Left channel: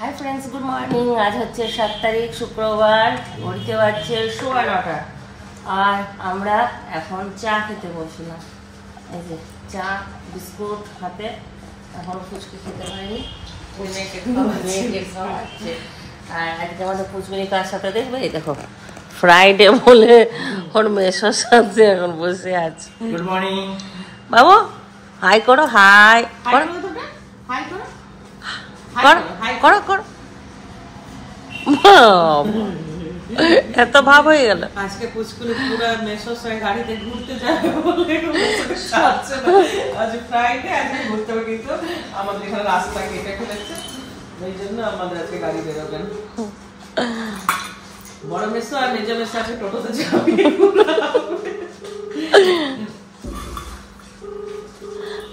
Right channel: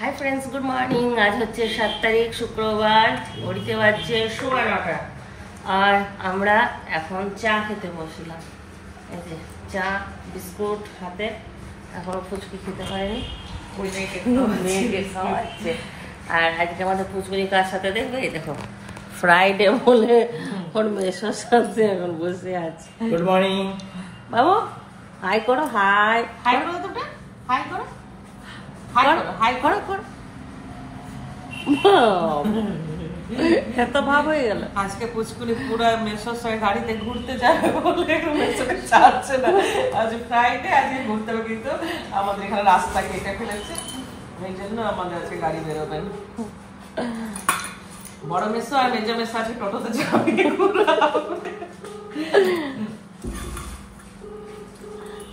Hi friends good morning. आज হচ্ছে 7 তারিখ শুক্রবার, ঘড়িতে বাজছে 9:15 আর আমরা এখন চা খেতে বসলাম। এই যে চা বিস্কুট হাতে, এখন ফুচকি খেতে পারিনি, আর আজকে আমাদের ফুচকুনি কার সাথে দেখবে, এই দেখো ফ্রাইডে বলে ওর মেসোর সাথে এখন বসে আছে। গুড মর্নিং বাবু, হাই করো, হাই করো, করো করো। এত ভাব হয়ে গেল। আজকে পুচকুলি পুরো মেসোর সঙ্গে গাড়িতে ঘুরতে যাবে বলে মেসোকে সাথে না, আজ ফ্রাইডে, আজকে ঘুরতে হবে, কিন্তু আমাদের এখানে রাস্তা কেটে ফেলেছে, এই জন্য আমাদের আজকে গাড়ি বেরোবেন। বড় মেসো আর মেজো মেসো আজকে টোটোতে যাবে।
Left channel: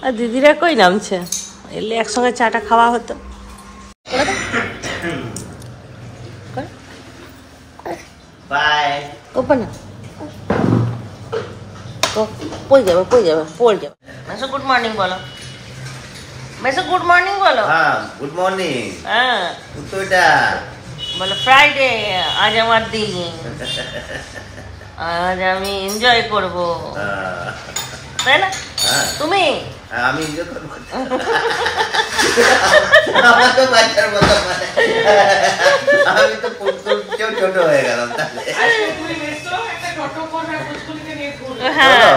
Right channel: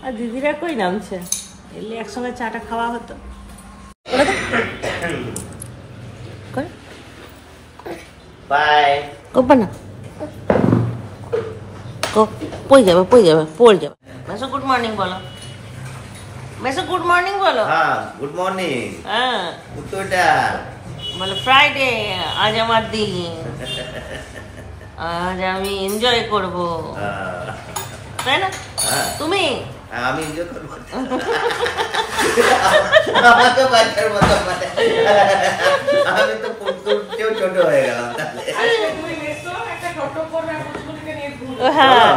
আর দিদিরা কই নামছে, এলে একসঙ্গে চাটা খাওয়া হতো। বাই কোপানা পড়ে যাবে, পড়ে যাবে, পড়ে যাবে। মেসো গুড মর্নিং বলো, মেসো গুড মর্নিং বলো। হ্যাঁ গুড মর্নিং। হ্যাঁ উত্তরটা বলো ফ্রাইডে, আজ আমার দিন, আজ আমি এনজয় করব, তাই না? তুমি আমি এনজয় করব, আমাকে বাচ্চার মতো মানে আমি তো পুতুলকেও ছোট হয়ে গেলাম তাহলে। হ্যাঁ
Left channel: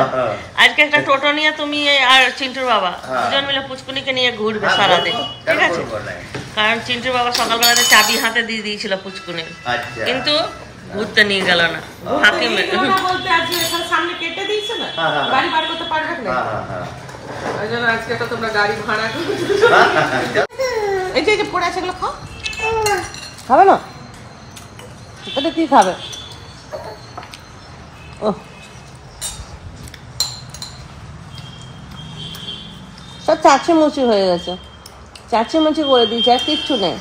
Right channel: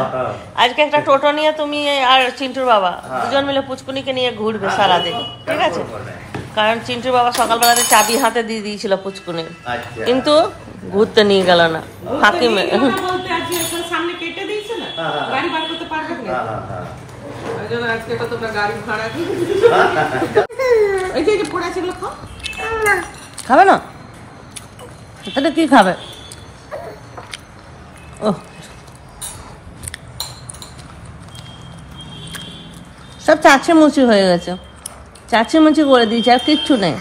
আজকে একটা টোটো নিয়ে তুমি আর চিন্টুর বাবা দুজন মিলে পুচকুনিকে নিয়ে ঘুরবে সারাদিন, ঠিক আছে? কারণ চিন্টুর বাবা সকালবেলাতে চাবি হাতে দিয়ে দিয়েছিল পুচকুনির, কিন্তু ঘুরতে নিয়ে গেল না। ফাঁকি সামনে কেটে দিয়েছে না, গাড়ি বার করতে পারবে না, ওই জন্য আজকে তো তোমরা গাড়ি ভাড়া করে। এই যে পড়ে আছে, এগুলো খাও, খাবে না? এটা কি খাবে? সব চাচি মুচি হয়ে গেছে, চাচি মুচি করে দিয়েছে, আর কিচ্ছু নেই।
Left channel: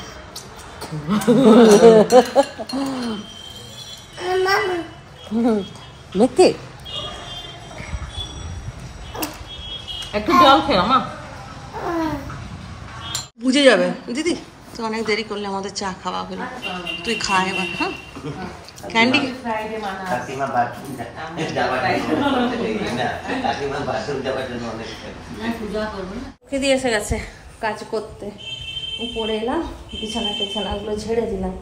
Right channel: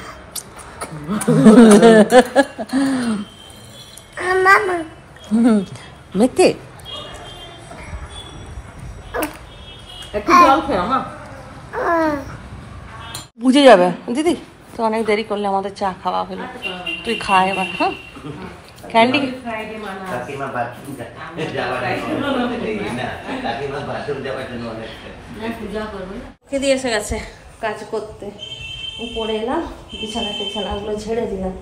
একটু জল খেয়ে মা, বুঝে যাবে দিদি, তো অনেক দেরি করলে আমাদের চা খাওয়া হলো, তুই খা এবার। হ্যাঁ ক্যান্ডি দিয়ে এসে গেছে কাজ করতে, উপরে এলাম, বিছানা টিছানাগুলো ঝেড়ে দিলাম,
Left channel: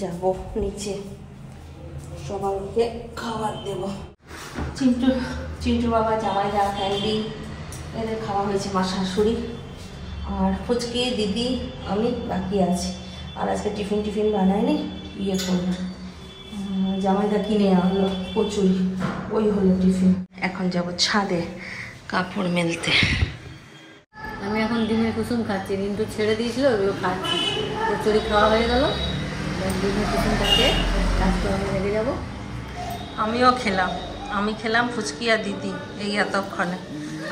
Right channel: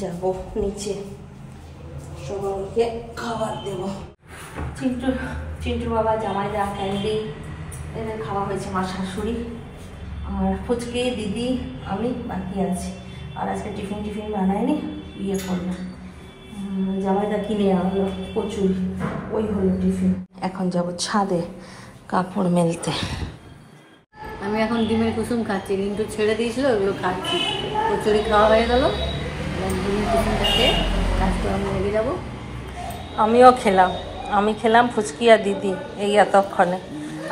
যাবো নিচে সবাইকে খাবার দেবো। চিন্টুর বাবা, জামাইদা, ক্যান্ডি, এদের খাওয়া হয়েছে, মা শাশুড়ি আর ফুচকি, দিদি, আমি বাকি আছি। আর আজকে টিফিন বানায়নি, ইয়ে করলাম, জামাইদা কিনে আনলো কচুরি, ওই হলো টিফিন। এখন যাব ছাদে কাপড় মেলতে। আমি এখন ডিমের কুসুম খাচ্ছি, কিন্তু ছেড়ে দিয়েছিল, ওগুলো খাচ্ছি। কচুরি খাওয়া হয়ে গেল, ডিমের কুসুমটা খেয়ে কাজ করে আমি লেগে যাবো। আমিও খেলাম, আমি খেলাম ফুচকি আর দিদি এই এতক্ষণে,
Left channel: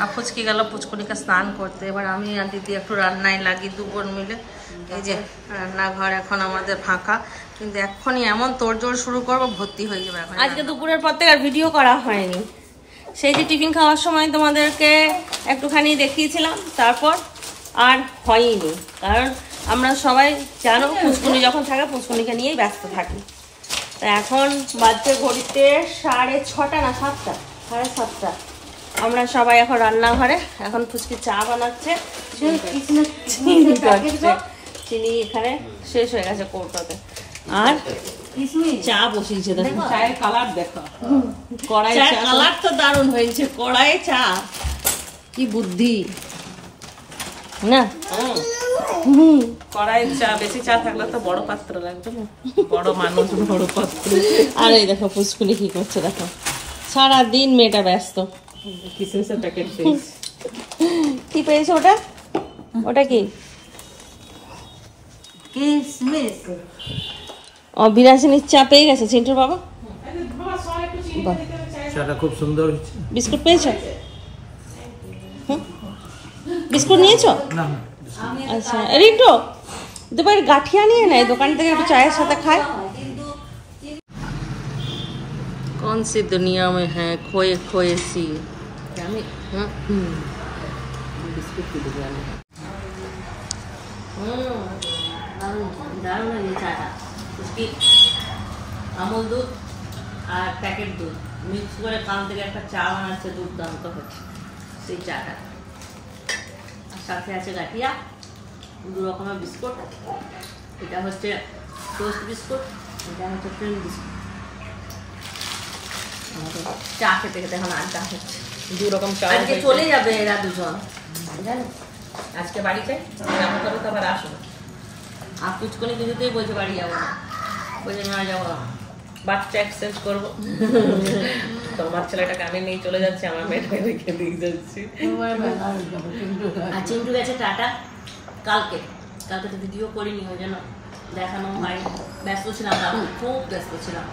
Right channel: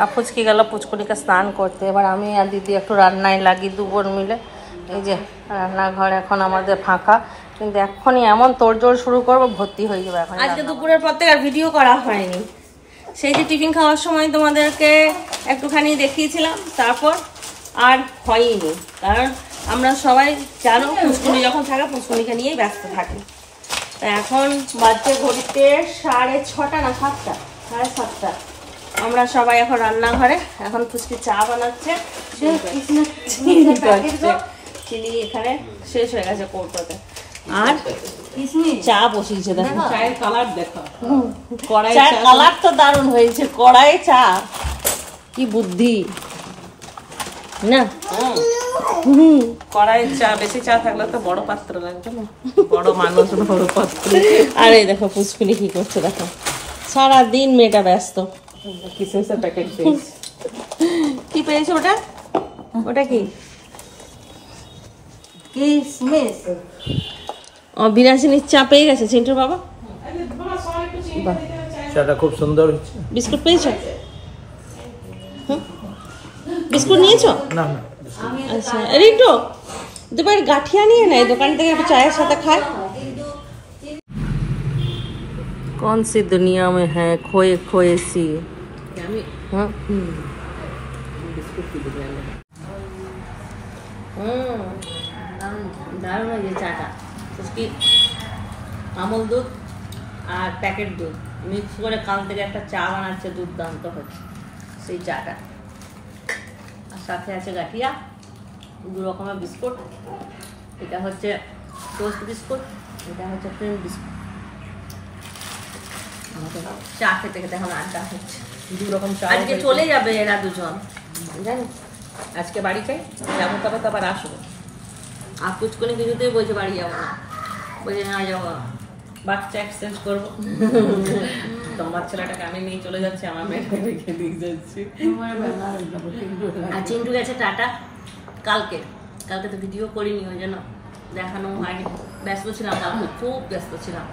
আর ফুচকি গেল পুচকুনিকে স্নান করতে। এবার আমি আর দিদি একটু রান্নায় লাগি, দুবোন মিলে। এই যে রান্নাঘর এখন আমাদের ফাঁকা, কিন্তু এখনই এমন তোড়জোড় শুরু করবো, ভর্তি হয়ে যাবে এখন। আজকে দুপুরের পর থেকে আর ভিডিও করা হয়নি, সেই যে টিফিন খাওয়ার সময় তোমাদেরকে একটুখানি দেখিয়েছিলাম, তারপর আর হয়নি, কারণ আমরা সবাই জানো পুচকুনি যখন থাকে পুচকুনিকে নিয়েই ব্যস্ত থাকি। তা এখন বাজছে ঘড়িতে 6:30 না 7টা, 7:30। আমরা সবাই এখন রান্নাঘরে, এখন ফুচকি চা বানাচ্ছে, চিনি এখানে শেষ হয়ে গেছে কৌটোতে, আর চা বসিয়েছে। দেখো চায়ের কালার দেখো, চায়ের কালার তো দারুণ হয়েছে, কড়াই চা, কি বুদ্ধি না। কড়াইয়ের চা, বেশি চা থাকলে তো বড় পাত্র লাগবে না, বড় মানুষ বড় পাত্র। আর এই দেখো পুচকুনি কি করছে, দেখো সারাদিন মেয়েটা ব্যস্ত। কিসমিসের প্যাকেট পেয়েছি। কি পেয়েছে ওটা? ওটা কি? কিসমিস। ও বিরাসিনীর চা পেয়ে গেছে চিন্টুর বাবা। চাটা খুব সুন্দর হয়েছে। বিস্কুট পেয়েছো? বিস্কুট নিয়েছো? না না, আচ্ছা রিন্টু দুবার গাঠিয়া নিয়ে নেয় দোকান থেকে, একটু চায়ের সাথে খায়। कौन सी दुनिया में है खोए खोए सी। हाँ बिस्कुट की दुनिया में है। দারুণ হয়েছে চাটা। ফুচকি আমল দুধ আর প্যাকেট দুধ মিক্স করে কাল থেকে একটা চা বানাচ্ছে, দুর্দান্ত হচ্ছে সেই চাটা। আর সাথে আছে গাঠিয়া, 2 রকমের বিস্কুট। এটা হচ্ছে টোস্ট বিস্কুট, এটা হচ্ছে ক্রিম বিস্কুট। আমাদের চা খেতে খেতে এখন আড্ডা হচ্ছে। 2 রকম চা। আজকে চলে যাবে এরা দুজন, জানি আজকে বাড়ি চাই, যাবো তবে তো আবার আসবো। আর পুচকুনি কিছুতেই বলছে বাড়ি যাবো না, বলছে না যাবো না। বাচ্চা এক্সচেঞ্জ করবো। তোমার ছেলেটাকে আমি নিয়ে চলে যাচ্ছি, আমার মেয়েটাকে রেখে দিয়ে যাচ্ছি। আর চিন্টু গেছে টাটা। কালকে তো ভিডিও করিনি, ওই জন্য দেখানো হয়নি। ব্যস্ত ছিলাম কালকে, খুব ব্যস্ত ছিলাম।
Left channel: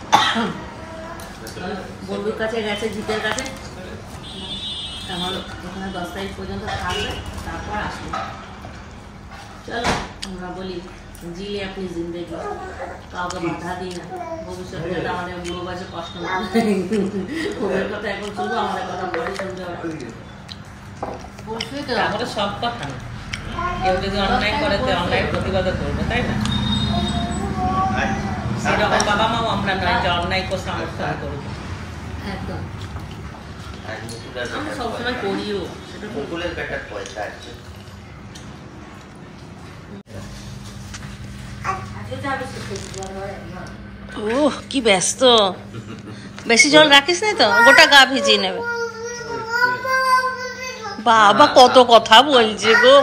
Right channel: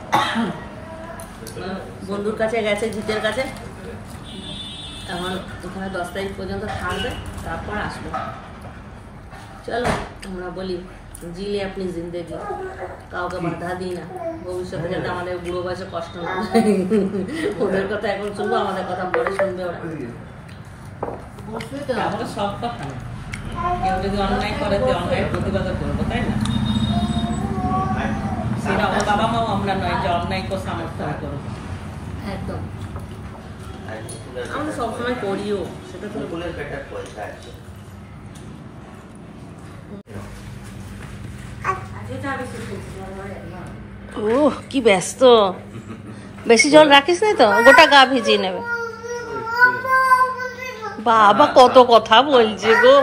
বন্ধুর কাছে গেছে, জিতের কাছে। এখন ওখানে 10 তারিখ পর্যন্ত থাকবে, তারপর আসবে। চলো আমরা বলি জিলে আপনি জিন্দেগি, কাউকে বাধা দিই না। ভবিষ্যতে যাতে আমাদের বুড়ো বয়সে কষ্ট না হয়। ওদের কথা এখন শুনবো, আমাদের কথা পরে শুনবে ওরা। তাহলে সব কথা না, কেউ যদি অন্যায় করে তো অন্যায়ের প্রতিবাদ করবে, তাই না? সেরকম বাবা মাও আমরা নয় যে অন্যায় করে সমর্থন করবো। একদম, আমি সবসময় করিও সেটা তো। ফুলের পেটার পয়সা আছে। ওহ কি ব্যস্ত, বেশি জল রাখিস না তো, গোটা গা ভিজিয়ে নেবে। বাবা কত কথা বলছে গো।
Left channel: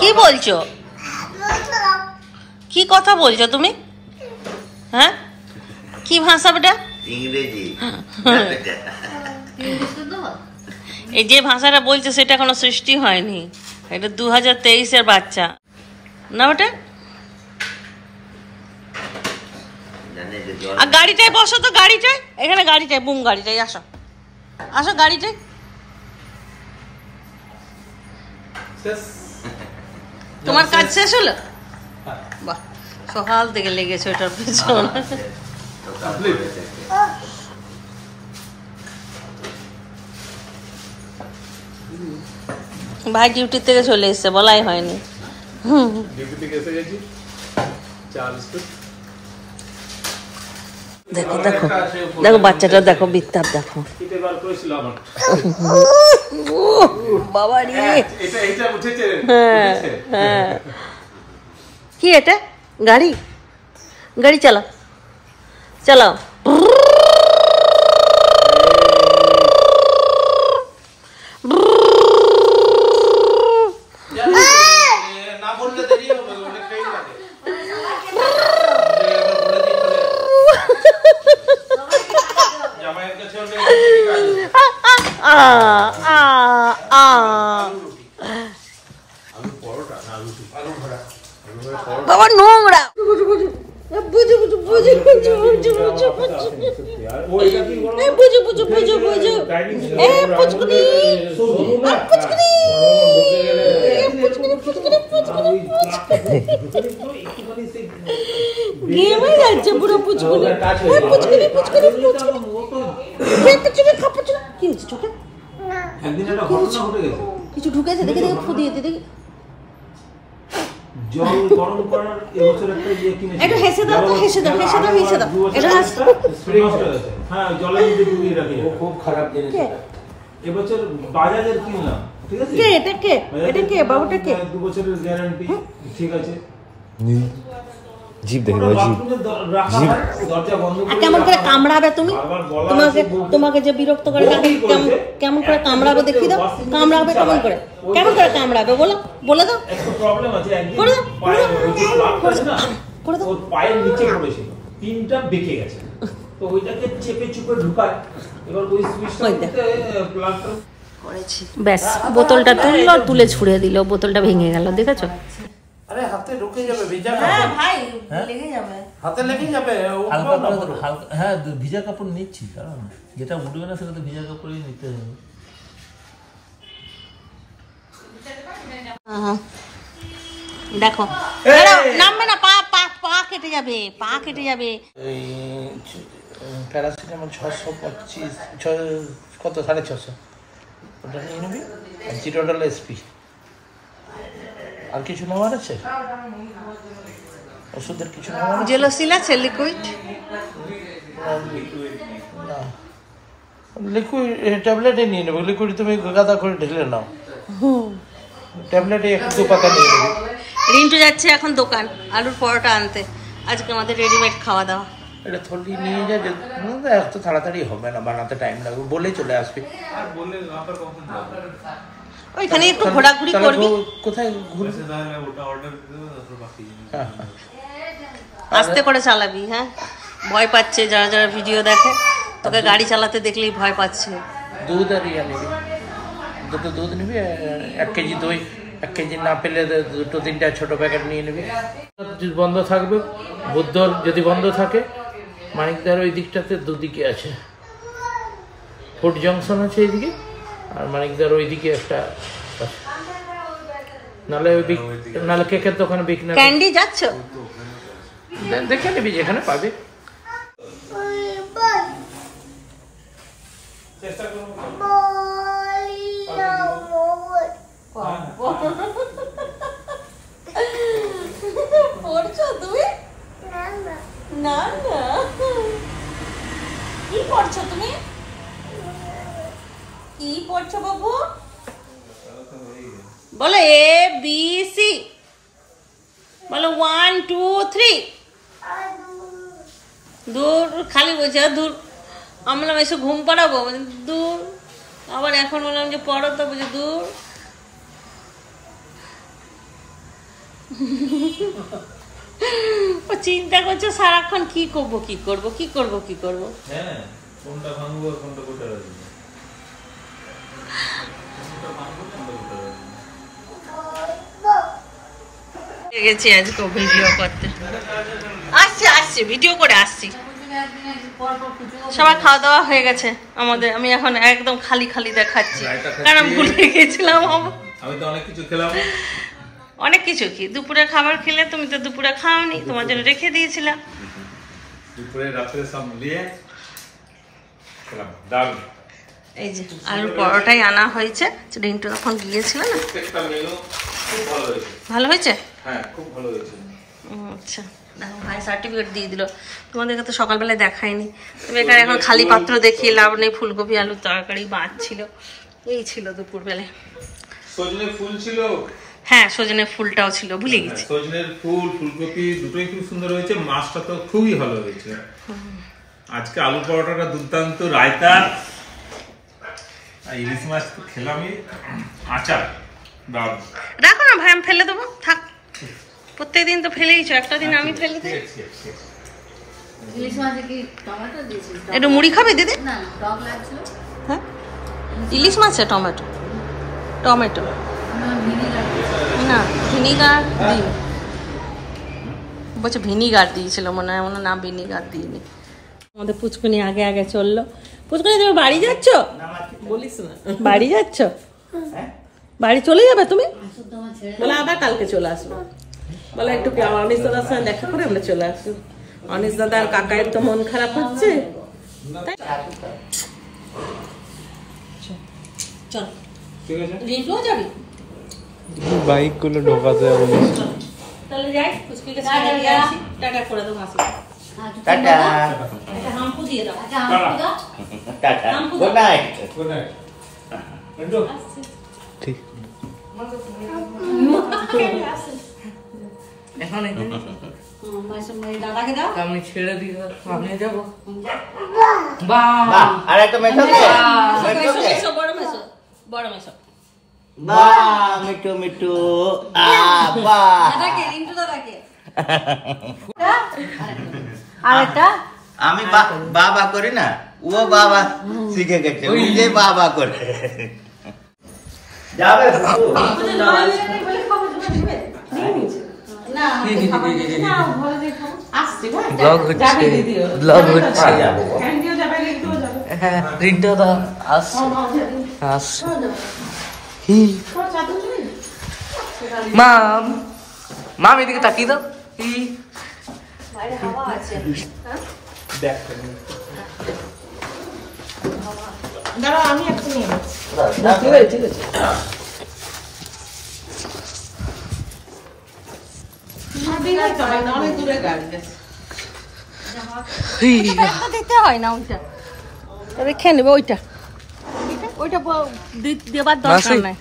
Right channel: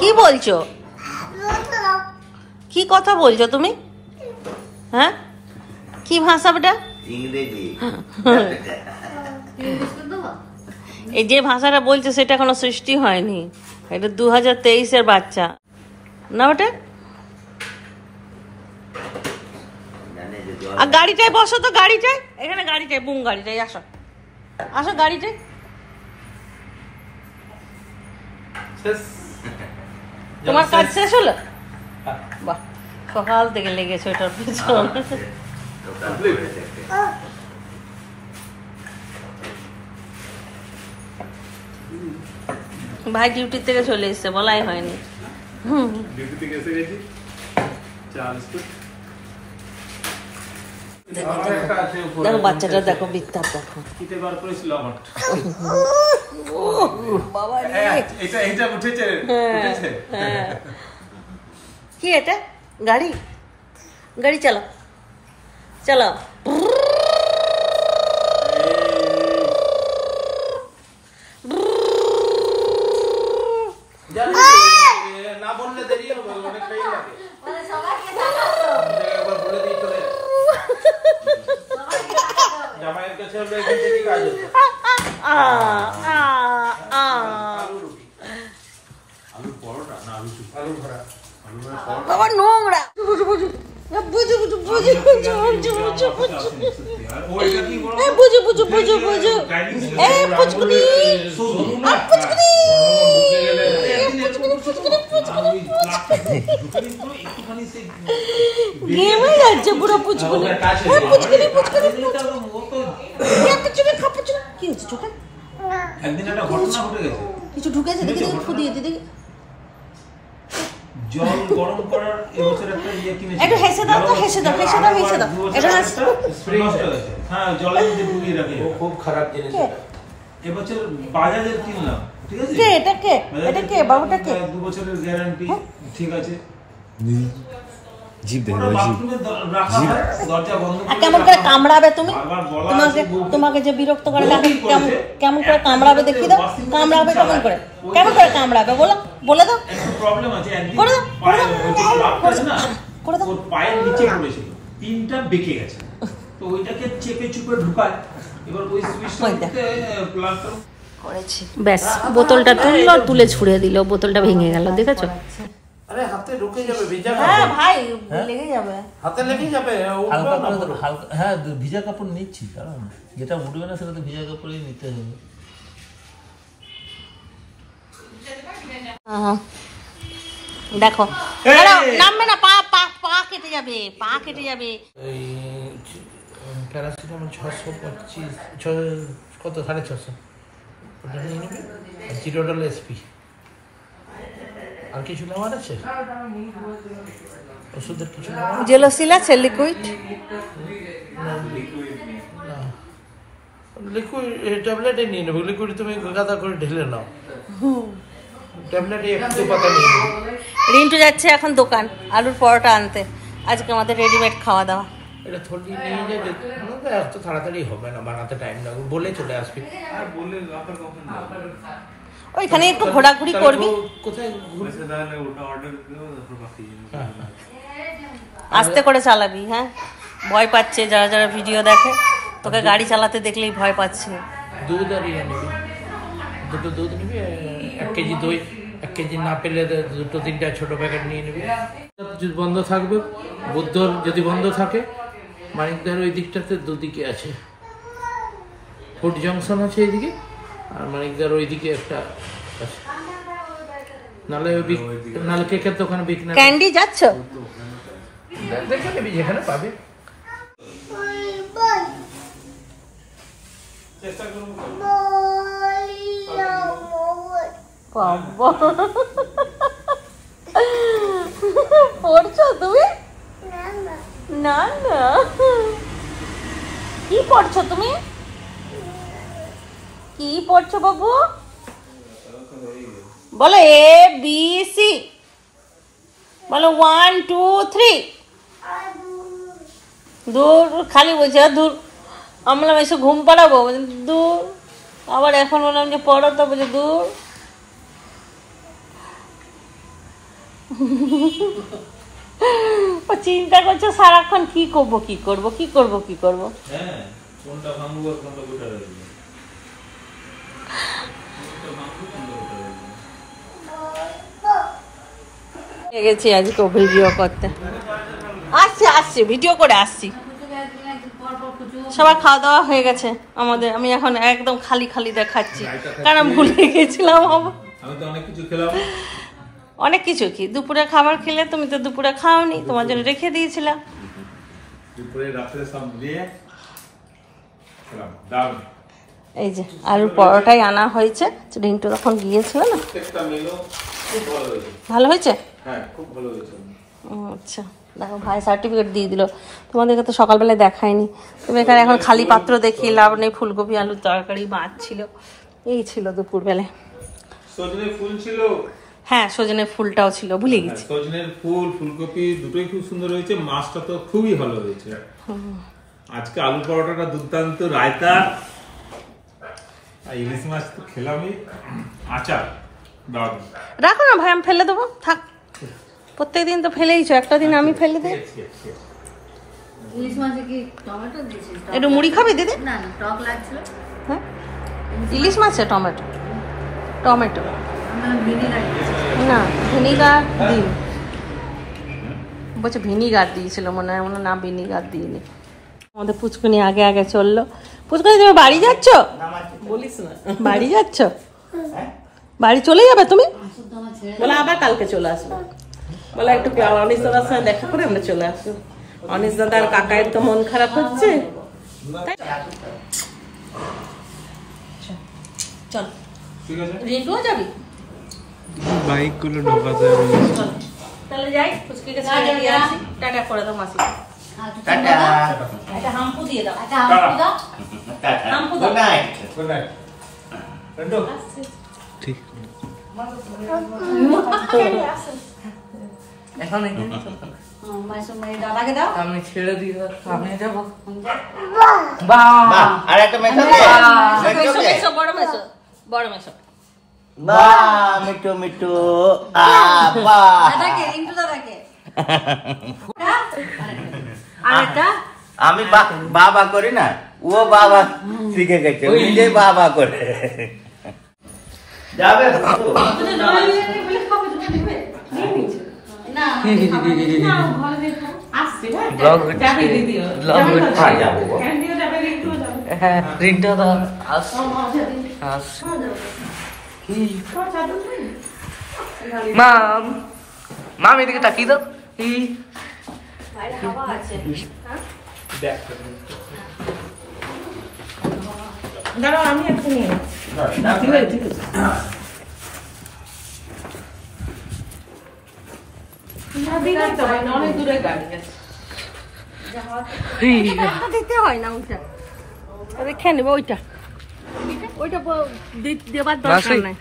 কি বলছো, কি কথা বলছো তুমি? হ্যাঁ কি ভাষা বেটা? ইংরেজি। এই যে ভাষাটা বলছে সেটা এখনো সৃষ্টি হয়নি, এটা 2023-এর বাচ্চা না বেটা। আর গাড়িটায় বসো তো, গাড়িটায়, এখানে গাড়িটায়, বুম গাড়িটায় আসো, আসো গাড়িটায়। তোমার কাজ শেষ হলো? বাহ, সকাল থেকে লেগেছে ওটার পেছন। ভাই ডিউটি থেকে চলে এসছে, বলাই হয়নি। দেখো দেখো দেখো বাচ্চাটা, দেখো বিত্তাপ দেখো। বাবা রে, কি এটা? গাড়ি, গাড়ি চালাও চালাও। না বললে দেরি হবে, অনেকটাই লাগে। জামাইয়ের কাছে হলে এখান থেকে কাজ হতো। আলু পরোটা না আলু ভরা, বাবা নোংরা। বুঝু বুঝু বুঝু বুঝু বুঝু বুঝু বুঝু বুঝু বুঝু বুঝু বুঝু বুঝু এ পুচকুনি, আর পুচকুনি, পুচকুনি পুচকুনি পুচকুনি গেমে যাচ্ছে পুরো পুচকুনি। এ পুচকুনি পুচকুনি পুচকুনি, কে পুচকুনি খা পুচকুনি। কি হচ্ছে চোখে? একদিন একটা ঘটনা ঘটে গেছে, কিছু ঢুকেছে, দেখি দেখি ফুদিয়ে দেখি। জল গরম করার এবছর একটা ইয়ে কিনেছি, একটু হেসে দাও তো, হেসে দাও, হেসে দাও, হেসে দাও। এটা নষ্ট হয়ে গেছে। হ্যাঁ জলের মধ্যে ডুবিয়ে রাখি, খুব খারাপ জিনিস। এবছর বাজাজের কিনলাম, ঠিক আছে। কে এটা, কে এটা, কে বাবুটা, কে? 2 বছরের গ্যারান্টি, ঠিক আছে। জিপ দেখে দাও, জিপ দরজা বন্ধ আর কেমন করে কামড়াবে তুমি? তোমাকে যে বিরক্ত করে কেমন করে কামড়াবে দেখি দাও। কামড়াবে কেমন করে, কেমন করে কামড়াবে বলো, বলে দাও। একটা প্রবলেম আছে, একদিন করে দাও, করে দাও, করে দাও, ওর পায়ের নিচে পড়েছিল, পিনটা বেঁকে গেছে, তো ওইটাকে চেপে চুপে ঢুকায়। এবার ওই সুইচটা প্লাগটা করেছি, ব্যাস বোতলটা তুললো, তুলে ছুঁড়ে দিল, বোতলটা ভেঙে গেল, দেখেছো? আরে হাতে ঢুকে যাবে, ভিজা হ্যাঁ ভাই লেগে যাবে, হাতে লেগে যাবে। হালকা করে হালকা, হ্যাঁ ভিজা কাপড় নিচ্ছি, কারণ যেটা উঠবে না সেটা তো ভিজা কাপড়ই নিতে হবে। দেখো নামবে না, পা পা পা কেটে যাবে, পা কেটে যাবে। প্যারাসিটামল 625 কত 650 ওটা নিয়ে নেবে। আর জিরোডাল এসপি আর কিছু নেওয়ার আছে? ওষুধের কিছু নেওয়ার আছে? জেলোসিল আছে লিকুইড? লিকুইড ট্যাবলেটে নিয়ে নেবে। লিকুইড তুমি গাদা করে ঢেলে নাও, ট্যাবলেটে একটু পাতা নিয়ে নেবে। রিন্টু যাচ্ছে এখন দোকান আলুর পরোটা আনতে, আজকে আমাদের রেডিমেড খাওয়া দাওয়া। এটা থলি নিয়ে যায়, এত তাড়াতাড়ি হবে না, বানাতে টাইম লাগবে, বলেই চলে আসবে। আর বললে আবার কখন ওইখানে একটু ঘোরাঘুরি করবি। কোথায় ঘুরেছে তাহলে ওটা অর্ডার দিও, তারপর বাকি আস্তে করে চালাবি। হ্যাঁ, ভয় পাচ্ছে যারা যারা ভিডিও দেখে, তোকে গাড়ি চালাতে দেখলেই ভয় পাচ্ছে। দুধ আর ইয়ে নেবে, দুধ নেবে 1 কেজি দই, 1 কেজি না পেলে 2-3টা ছোট প্যাকেট নিয়ে নেবে। বন্ধ থাকবে, বুদ্ধর যদি বন্ধ থাকে, মানিকদার ওই দিকটাতে দুদিকে আছে, ফুড জংশন আছে এইদিকে, আর মানিকদার ওই দিকে একটা আছে। নাহলে নাহলে কেকের দোকানে বিক্রি ক্যান্ডি যাচ্ছ? দেখে নেবি যেখানে পাবে। চেষ্টা করব। পড়ছো তুমি? না না, কি পড়ছো তুমি? কি পড়ছো বাবু? বলো এ বি সি, বলো 1 2 3। দূর খালি বলছে দূর, আমরা এসে ঘুম পাড়াবো, দূর। আবার এখন বললাম যে পড়ো, তো বলছে দূর। ও চিন্তা করছে সারাক্ষণ কি করবো কি করবো কি করবো কি করবো। হ্যাঁ, কোনটা ভাঙবো কোনটা কোথায় রাখবো। গেছি আজকে ভিডিও করতে, আসছি ভিডিও করে আসছি। সবার খাওয়া দাওয়া হয়ে গেছে আমাদের। আমি এখন একদম খালি খালি দেখাচ্ছি, কারণ ভুলে গেছিলাম। আমি তো অনেক কিছু খেলাম। অনেক কিছু কি, দুপুরে খাবার খেলে, তুমি তো দুপুরে খাওনি, তোমার জন্য রেখে দিয়েছিলাম। দুপুরে রাত্রে সব দিয়ে খেলাম, দারুণ। এই যে আলুর পরোটাই আনা হয়েছে, রিন্টু তখন গিয়েছিল না। প্রত্যেকটা মেনু খুব ভালো হয়েছে। ভালো হয়েছে? হ্যাঁ, খুব ভালো হয়েছে। আচ্ছা, দেখো ভাই সার্টিফিকেট দিয়ে দিল। তোমাদেরকে তো সকালবেলায় দেখায়নি। তুমি এখানে এখন খালি পাত্র দেখিয়ে লাভ নেই। ফুলকপি আলুর তরকারি, মাছ ছিল, এই ছিল দুপুরবেলায়। সজনে ফুল ছিল। হ্যাঁ, সজনে ফুলটাও ছিল, ভুলে গেছি। সজনের ফুল, ফুলকপি দুটোই খুব সুন্দর হয়েছে। মাছটা তো খুবই ভালো হয়েছে। আজকে আলু পরোটাটা দুর্দান্ত, রায়তা আর ইলিশ মাছ তো খেলামই, আচার দারুণ। রাখো না ভাই, আমি ফেলে দেবো, থাক। প্রত্যেকদিন তো ফেলেইছো, একটা দিন আমি ফেলে দিই। ইলিশ মাছে কি টমেটো দিয়েছিস? একটু মুড়ি খাবে দিদি? না, টক লাগছিল। হ্যাঁ, ইলিশ মাছে টমেটো টমেটো আমার ভিনিগার না, ভিনিগার দিই। বলছে ভিনিগার দিয়েছিল মনে হয়, না ভিনিগার দিইনি। আমাদের পুচকুনি আগে আগে চললো। পুচকুনি তুমি বাড়ি যাচ্ছ? বলিস না, বাড়ি যাচ্ছ? বাড়ি চলে যাবে তুমি? বলে আবার কালকে চলে আসবো। বলে একটু অনিশ দাদার সঙ্গে দেখা করে আমরা চলে আসবো। অনিশ দাদার কাকায়ের তো মন খারাপ হচ্ছে। চল, ঠিক আছে, রিন্টুও যাবি? বাইক গুলো ঢোকাতে হবে। তাহলে যাই, পুচকিকে ছেড়ে দিয়ে আসি। টাটা করে দাও মাসি, একটা হাম্পু দিয়ে দাও। হাম্পু দাও। Good night. Good night. ঠিক এখন এখানে দাদাকে দাও। আমি ছেড়ে দিয়ে আমি যাবো। বাহ, আর একটা মেশো দে। মেশো মেশো, বড় মেশো, বড় মেশো। বাহ, মিঠু মিঠু। বাহ। দাদাকে, রিন্টু দাদাকে। আরেকটা আমি বাবা করি না, ও বাবা শিখে গেছে, ও নিজেই বাবা করে। যাবে ব্লগ হচ্ছে, ব্লগ হচ্ছে। হ্যাঁ, রিন্টু দা আসছে আসছে। মাম, মাম এদিকে তাকিয়ে দাও। দেখ দাঁড়াও আমি একটা নিয়ে যাচ্ছি। ঠিক আছে অনেক দূরে গাড়ি আছে। দিতে হয় না ওইটা, রেখে নেবে ওইটা, ওইটা দেবার দরকার নাই।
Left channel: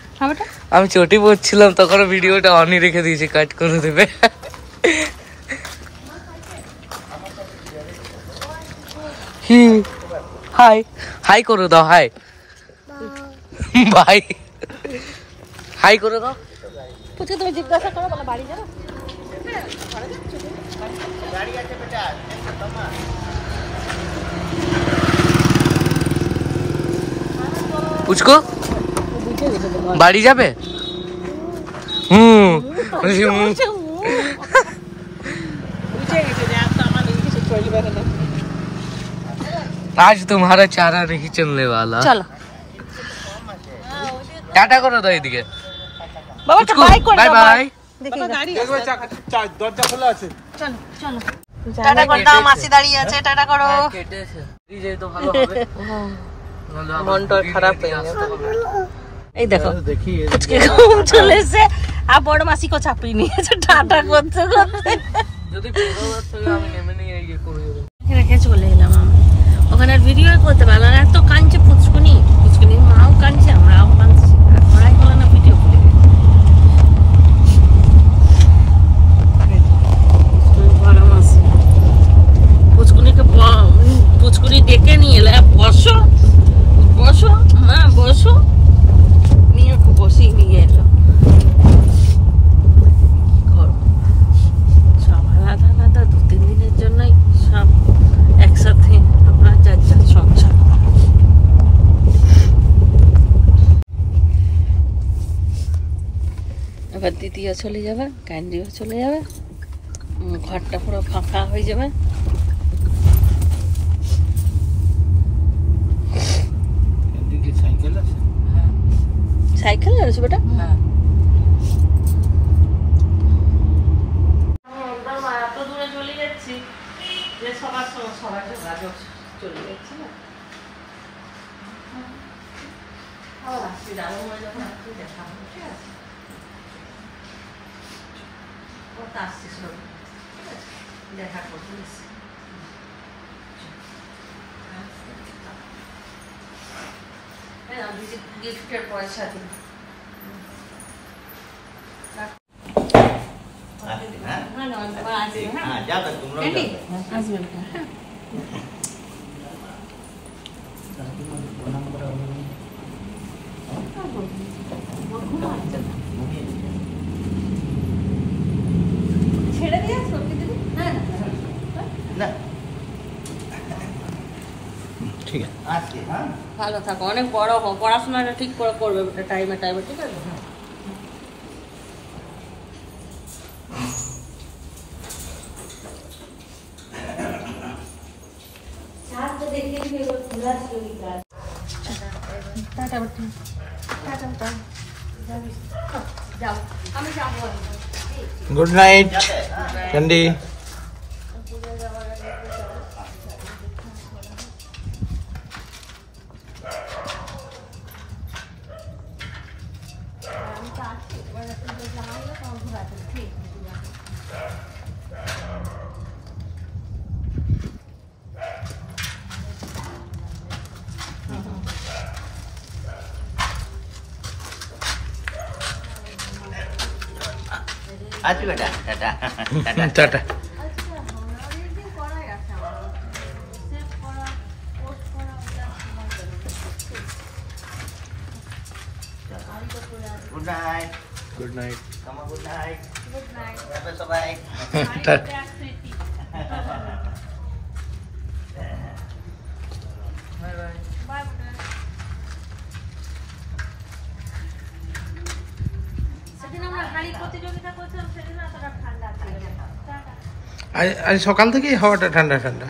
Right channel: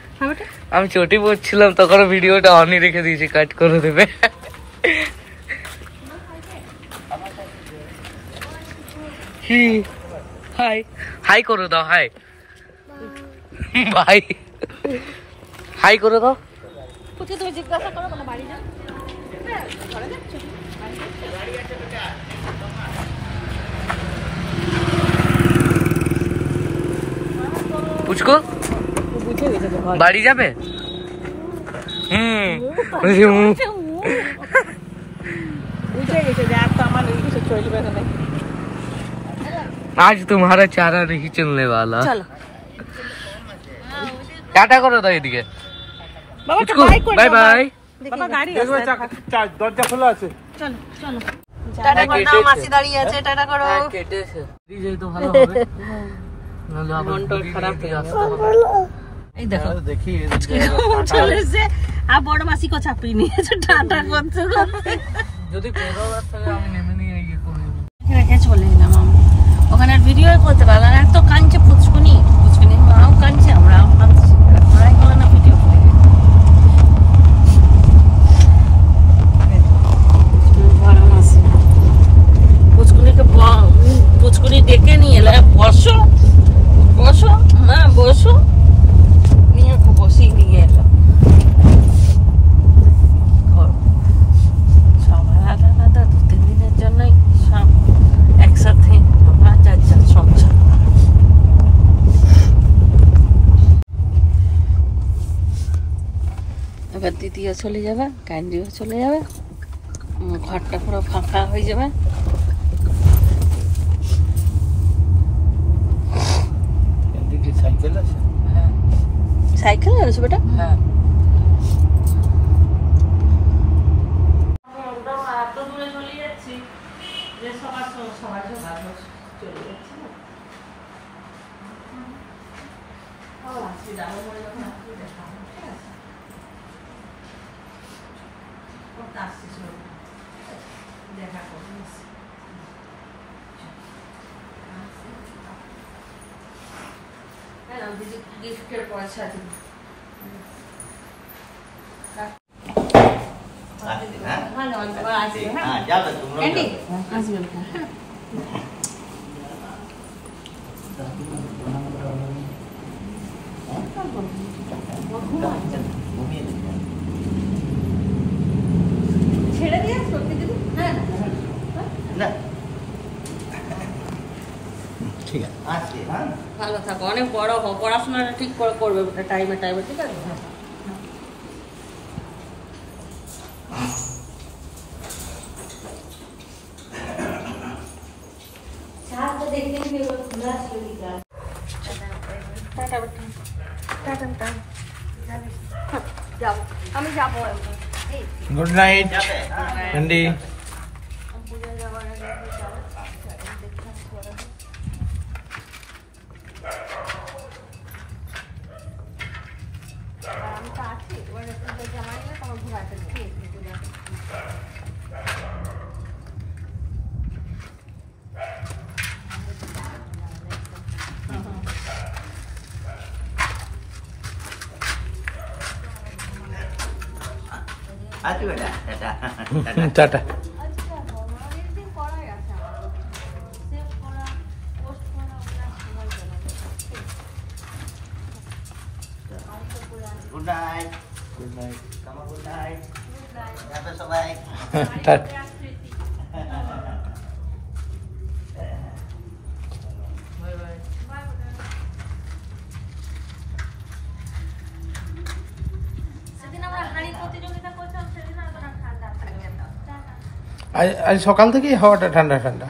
আমি চটি পড়ছিলাম তখন ভিডিওটা অনই রেখে দিয়েছি, কাট করে দেবে। হাই হাই করে দাও, হাই ভাই, হাই করে দাও। তুমি জিজ্ঞাসা করো বাড়ি যাও। পুচকো বাড়ি যাবে? आज तुम्हारा चारा नहीं चलने वाला। चलो टाटा करो दो এদিকে। পুচকু বাই বাই। দরজা খোলা আছে। চলো চলো টাটা করে দাও, মাসি দাঁড়িয়ে আছে, টাটা করো। কেটেছে দিলে তো ভালো হবে। মনটা খারাপ হয়ে আসছে। এই দেখো দেখি চলে এসে আর বড় মাসিকে চাপিয়ে নিয়েছে, টাটা করতে করতে। যদি 15,000 থেকে আমি নেমে নিয়ে ইয়ে করে দেব। রেখে চলে এলাম আমি, ওখানে ভিডিও করতে পারলাম না, এত কাঁদছে পুচকুনি, পুচকুনি মাও কাঁদছে, আমরাও কাঁদছি, করাই হলো না, ভিডিও করে বড় মাসি পুচকুনিকে পুচকুনি ডেকে নিয়ে এলো, বসো বসো মা বসো, নিয়ে বসিয়ে নিয়ে এলো। সব আলাদা আলাদা, 2-3 দিনের জন্যই সব একসাথে আমরা যার যার সংসার। এবার দিদিও চলে যাবে, ক্যান্ডিও চলে যাবে, ঘরটা পুরো ফাঁকা হয়ে যাবে। সাইকেল আছে? সাইকেল আছে বেটা? হ্যাঁ একদম এত দূরে চলে যাচ্ছি যে সবার সবাই চলে যাচ্ছে না। আসছি দাদু যখন আসছি দেখা হবে, ঠিক আছে? ও তো আসছিস না, ঠিক আছে, দেখা করবি। গিফটের পয়সা দিন। ছেড়ে দিয়ে সত্যি দিদি? হ্যাঁ ঠিক আছে। ভালো থাকো, অনেক বড় হও, পড়াশোনাটা ঠিক করে করবে টাইমে টাইমে, ঠিক আছে? আমি যাবো। Good night candy. আচ্ছা বেটা, tata. Tata. Good night. Good night. কামা গুড নাইট। যাবে সবাই। টাটা। সেদিন আমরা হাঁড়ি প্রতিযোগিতা করছিলাম, সেদিন এতটা ঠান্ডা ছিল। আজ সকাল থেকেই হাওয়াটা ঠান্ডা ঠান্ডা।